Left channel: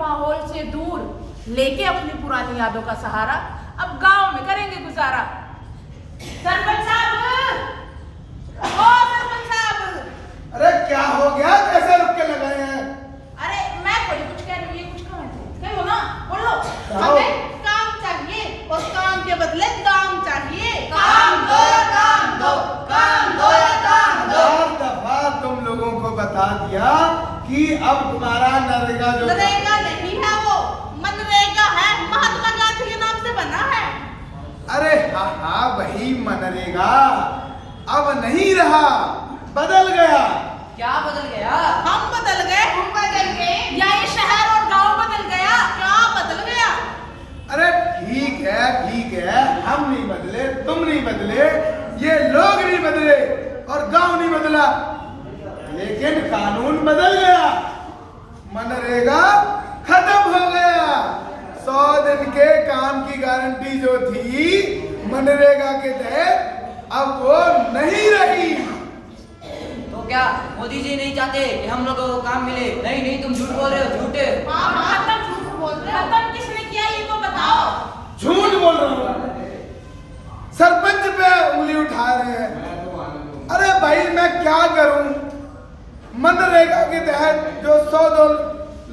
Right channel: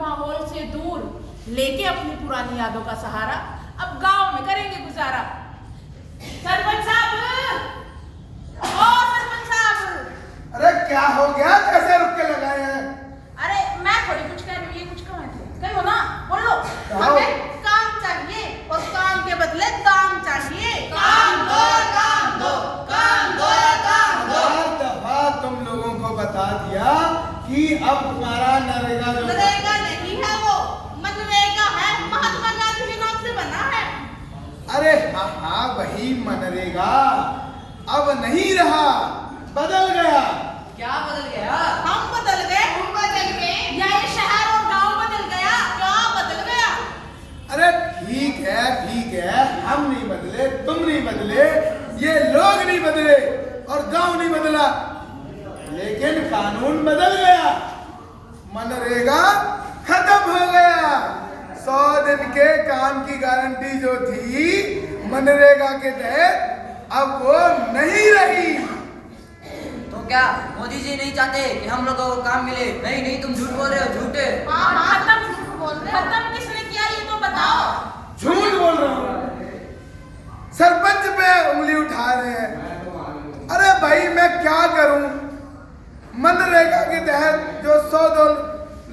माहौल से दूर लेके अपनी पुरानी यादों का सहारा अब गांव में करेंगे गुजारा। सरपंच साहब, ओ सरपंच साहब। अरे क्या हो गया, कैसे रुक के लगाए हैं? अरे मैं थोड़ी कुछ कह रही हूँ, ये कुछ कहाँ है? कहो ना, बोल लो। हमें काम चाहिए और काम के बदले दाम चाहिए। काम दो या दाम दो, काम दो या दाम दो। हर दफा तुम लोगों को बता दिया कि अब तुम्हारा नरेगा जो नरेगा नहीं है, वो मनरेगा है, महात्मा गांधी के नाम से बना है। अरे हाँ वही मनरेगा अब नहीं रहा, बदल गया। क्या बदल गया? हम बदल गए, तुम बदल गए या ये शहर और गांव बदल गया? क्या बदल गया? अरे ठीक है, हम नहीं बदले, तुम नहीं बदले, ये लोग नहीं बदले और गांव नहीं बदला, लेकिन कानून बदल गया। मनरेगा खत्म हो गया। 100 दिन के काम की गारंटी जो थी मनरेगा के तहत अब वो नहीं रही। तो क्या मोदी जी नहीं चाहते कि हम लोगों को काम मिले? नहीं नहीं, तुम झूठ बोल रहे हो, झूठे। खत्म झूठ बोल रहे हैं। खत्म किसने किया ये तो बताओ। झूठ बोल रहा हूँ, सरपंच पे उंगली उठा रहे हैं। अरे भाई मैं क्या करूं, मनरेगा के तहत जो 100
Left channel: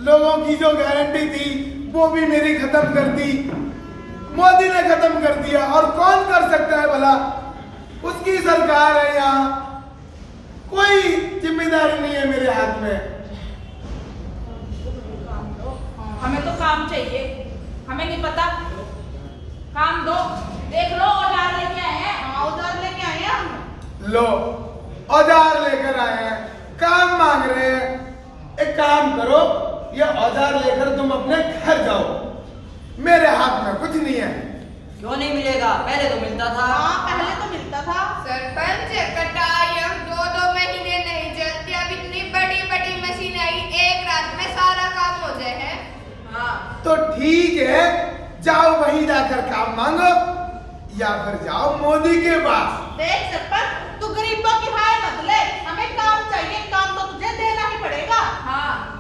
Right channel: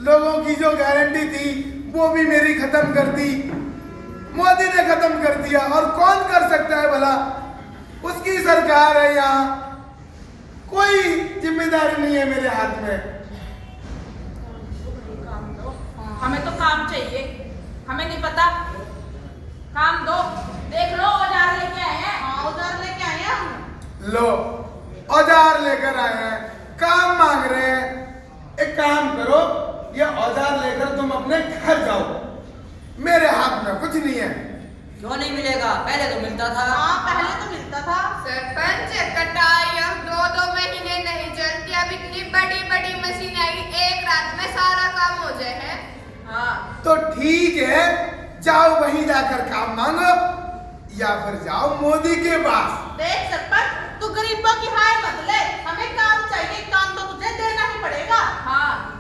लोगों की जो गारंटी थी वो भी मेरी खत्म कर दी, मोदी ने खत्म कर दिया। और कौन कर सकता है भला, उसकी सरकार है, यहाँ कोई जिम्मेदारी नहीं है मेरे हाथ में। हमें तो काम चाहिए, हमें नहीं पता, काम दो। देख लो औजार लेके आए हैं। हाँ, औजार लेके आए हैं हम। लो औजार लेकर आए हैं, काम मांग रहे हैं। एक काम करो, ये औजार लेकर तुम अपने घर जाओ, मेरे हाथ में कुछ नहीं है। क्यों नहीं मिलेगा? पहले तो मिलता था। हाँ, पहले तो मिलता था। सरपंच कटाई अब 2-2 महीने नहीं चलती। अब इतनी बड़ी बड़ी मशीन आई, एक रात में सारा काम हो जाए है। हाँ तो ठीक है, जाओ वहीं जाकर काम मांगो या फिर जाओ मोदी के पास। देख सरपंच, तू गरीबों की हाय मत ले, हमें काम चाहिए, काम तो तुझे देना ही पड़ेगा। हाँ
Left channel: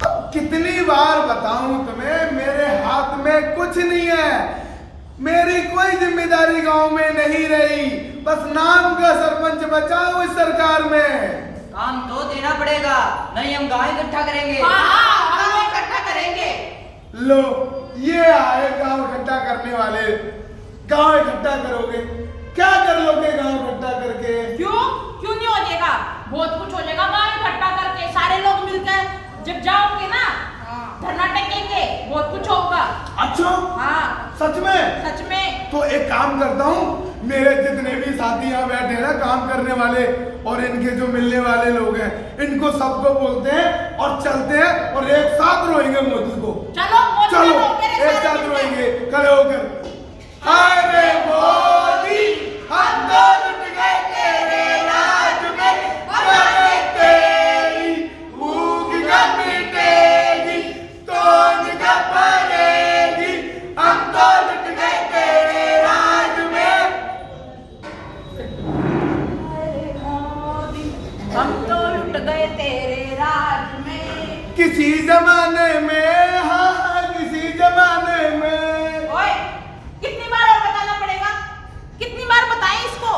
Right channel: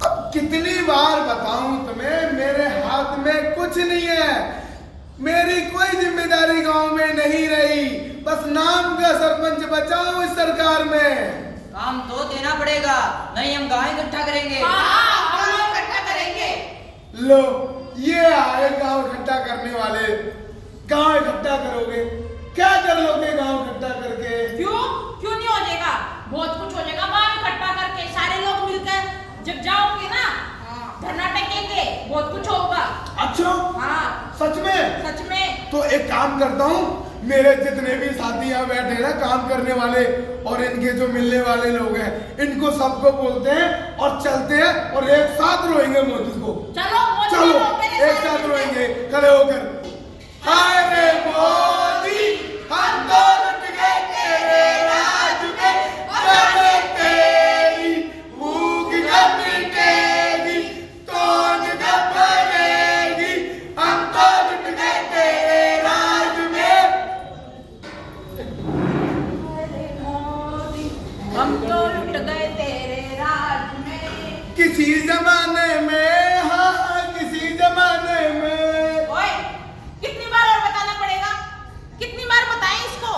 अब कितनी बार बताऊं तुम्हें, मेरे हाथ में कुछ नहीं है, मेरी कोई जिम्मेदारी गांव में नहीं रही, बस नाम का सरपंच बचाओ इस सरकार में। काम तो देना पड़ेगा, नहीं हम गाँव इकट्ठा करेंगे। हाँ, हम इकट्ठा करेंगे। लो ये आए गांव इकट्ठा करने वाले। गांव इकट्ठा करोगे, क्या कर लोगे गांव इकट्ठा करके? क्यों नहीं हो जाएगा? बहुत कुछ हो जाएगा गाँव इकट्ठा करके। सारे लोग मिलकर जब जाओगे ना, धरना टेकेंगे, बहुत कुछ होगा। अच्छा हाँ सच में? सच में। तो एक काम करता हूँ, मेरे जितने भी साथी यहाँ बैठे ना काम करने वाले और इनके जो मिलने वाले लोग हैं, इनको सबको बोलते हैं और चलते हैं और एक साथ रोएंगे मोदी को। चलो मोदी चलो को मेरे एक साथ रोएंगे खड़े होकर। हाय रे मोदी, हम तो लुट गए तेरे राज में, अरे तेरी भूख न मिटेगी, तोड़ न भरेगी, हम तो लुट गए तेरे राज में। अरे मोदी, हम तो लुट गए तेरे राज में। किसी जमाने में, हाँ किसी जमाने में। ओए, कितनी बार और बताना पड़ेगा? कितनी बार बताएं इसको?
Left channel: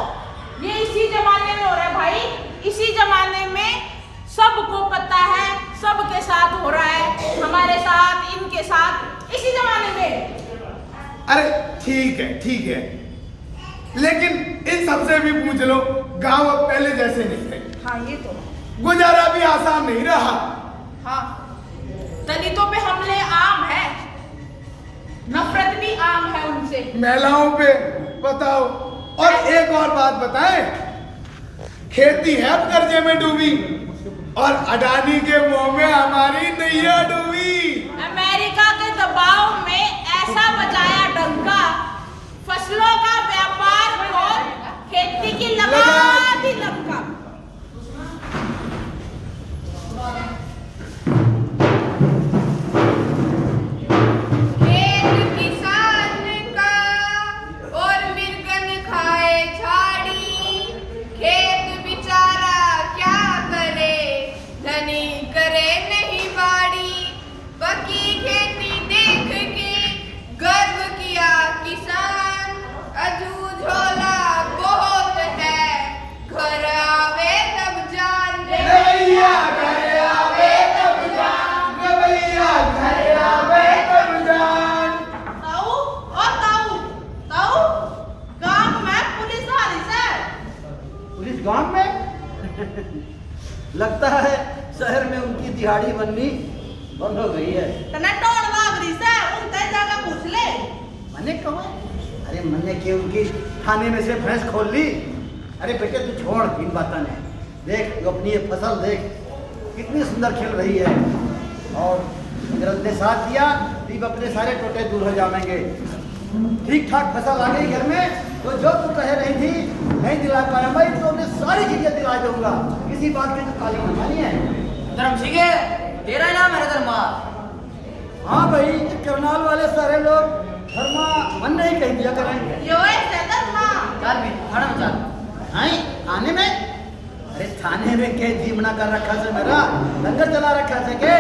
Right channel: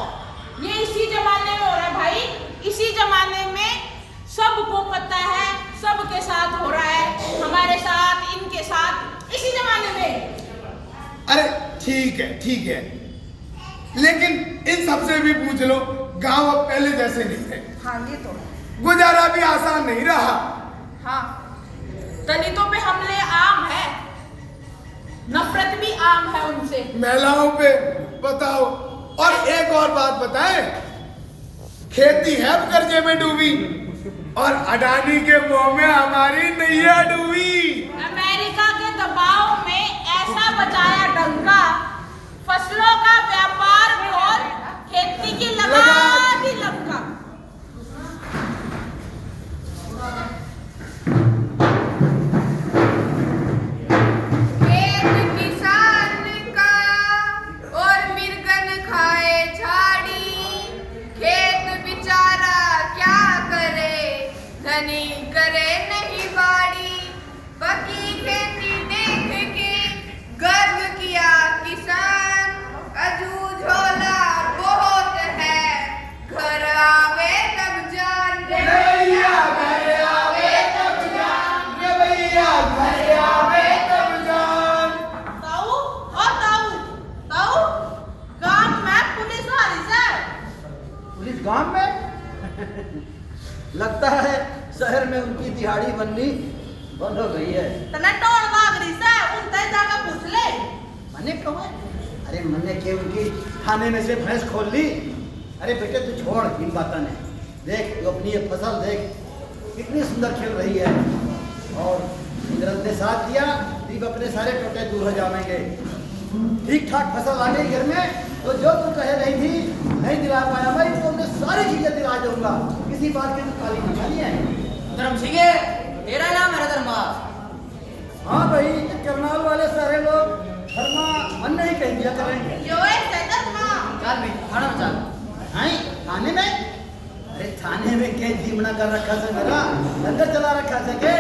ये इसी जमाने में हो रहा है भाई, इसी जमाने में सबको पता है, सबके साथ हो रहा है, हमारे साथ, इनके साथ, इसी जमाने में। अरे ठीक है, लेकिन इन सबसे भी पूछ लो, गांव अब पहले जैसे नहीं रहे। हाँ ये तो। गुजारा भी आसान नहीं रहा। हाँ, दलितों पे हमले आम है, नफरत भी आम है उनसे। महिलाओं पे बताओ। और एक और बात बताएं, खेती है अब कर्जे में डूबी और अडानी के मुंह में हमारी नैया डूबी। अमेरिका के दबाव में ऐसा बचाया डंका, फसलों का व्यापार खोल, खेती की लगा दी लंका। खेत किसान का और मिर्गन खाए झाड़ी, खेत बेचारा क्या करे, धनी करे नहीं बाड़ी। बननी बंद हो गई है। तने टोल वागरी से उनसे जाकर पूछ ले। मैंने कहा अरे मैंने के उनकी खाने में से भैंस खोल ली। अरे बेटे तू छोड़ इन बातों ने, देख तू अपनी ये फसल देख कितनी सुंदर खिल रही है, और कुदरत ने साथ दिया, दीप अपने सारे टोटे दूर हो जाएंगे। ठीक ठाक फसल आ गई घर में, तो जो तू कह रही थी नहीं दिला पाया मैं तो उन्हें सारी चीजें दिला दूंगा, किसी बात की तो काली नमानी है। धर्म सिंह तेरा ही नाम है धर्मा। हाँ भाई, ये करनाल वाले सारे लोग धर्मा मन नहीं कह दिया करेंगे। यो ऐसे धर्मा चल भी खाना में चल। हैं थाने में? अरे थाने में क्या जीवना कर रखा से मेरा लंगर चला रखा से के?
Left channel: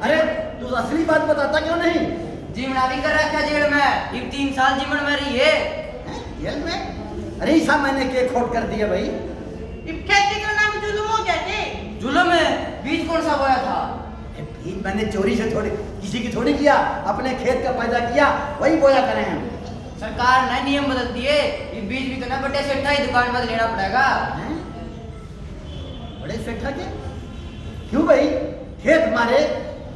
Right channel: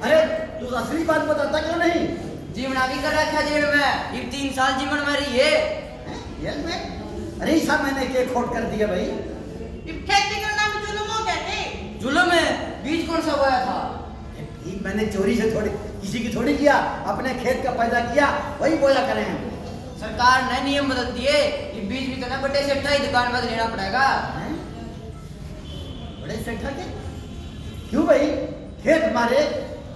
अरे तू असली बात बताता क्यों नहीं? जीवना भी कर रखा जेल में, ये 3 साल जीवन में रही है। जेल में? अरे ऐसा मैंने क्या खोट कर दिया भाई? इब खेती करना भी जुल्म हो गया के? जुल्म में बीज कौन सा बोया था? बीज मैंने चोरी से थोड़ी किसी की थोड़ी किया, अपने खेत का पैदा किया वही बोया करें हम। सरकार ने नियम बदल दिए, ये बीज भी तो ना बड़े सेठा ही दुकान पर लेना पड़ेगा। हैं? बड़े सेठा के? क्यों भाई? खेत मारे,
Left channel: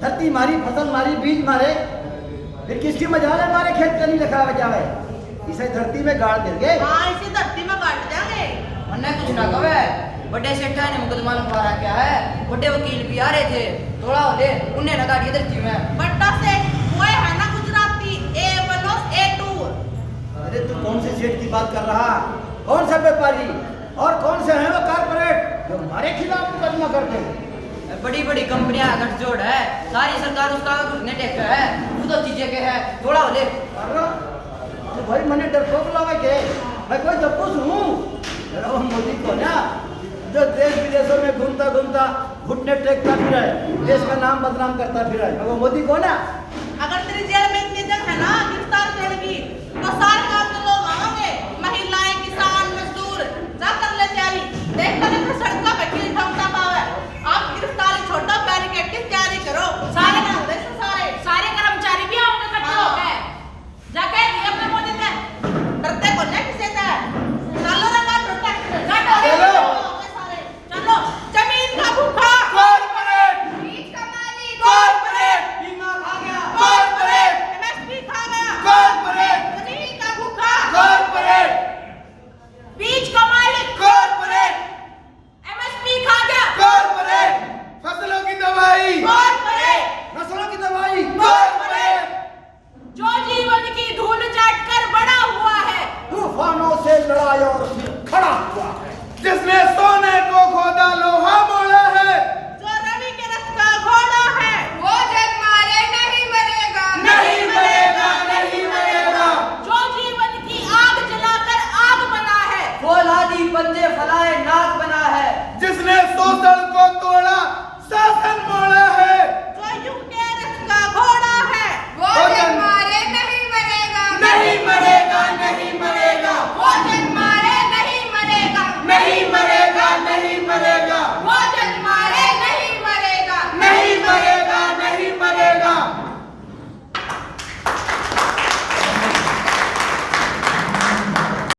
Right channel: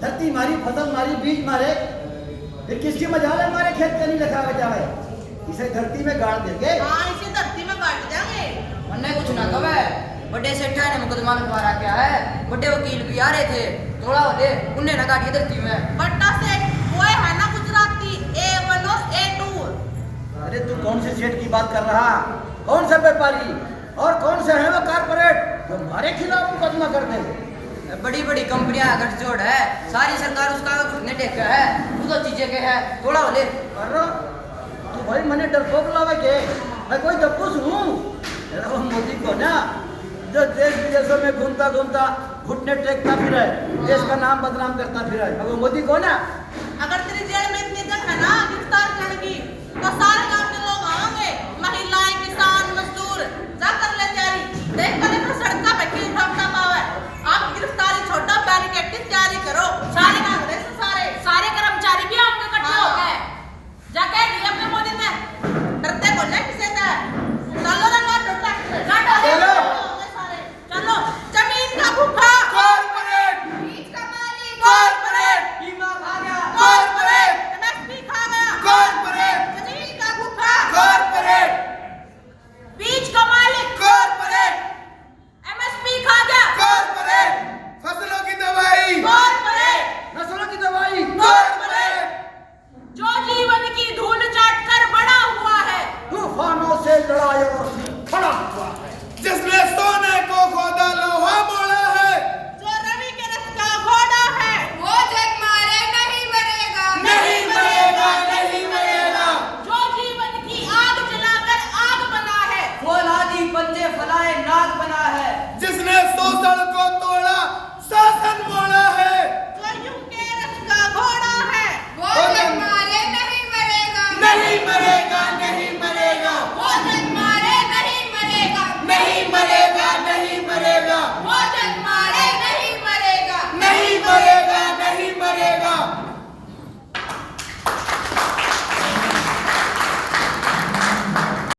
धरती मारी, फसल मारी, बीज मारे, फिर किसकी मजाल है हमारे खेत का नहीं रखा बचावे? इसे धरती में गाड़ देंगे। हाँ इसे धरती में काट देंगे। मन्ने कुछ ना कहे, बड़े सेठा ने मुकदमा लिखवाया क्या है, बड़े वकील भी आ रहे थे, थोड़ा होले उन्हें ना काटिए धरती में। बट्टा से वो है ना गुजराती A1 और A2। अरे तू कौन से सेठ की बात कर रहा? कौन सा व्यापारी और कौन से हैं वो कारपोरेट जो हमारे खिलाफ मुकदमा करते हैं? बड़ी बड़ी कंपनियां गठजोड़ है, सारी सरकार उसका घुटने टेक है, तू तो चीजें के है, थोड़ा होले। अरे तो भाई मैंने डरपोक लावे के मैं कोई दब्बूस हूँ? मेरा वो मोदी को ना जो देश विदेशों में घूमता घूमता घुटने टेकता फिर है, देश का नाम बदनाम करता फिर है, वो मोदी को ना। अगर तेरी जेल में इतने जन है ना गिरफ्तार करेगी तो सारे गांव के लोग आएंगे, महिलाएं, किसान, मजदूर, जा कर ले तैयारी। देख कर फिर सड़क पे किल ठोकता पावे। आप गिरफ्तारी छोड़ो, बैरिकेड की तैयारी करो।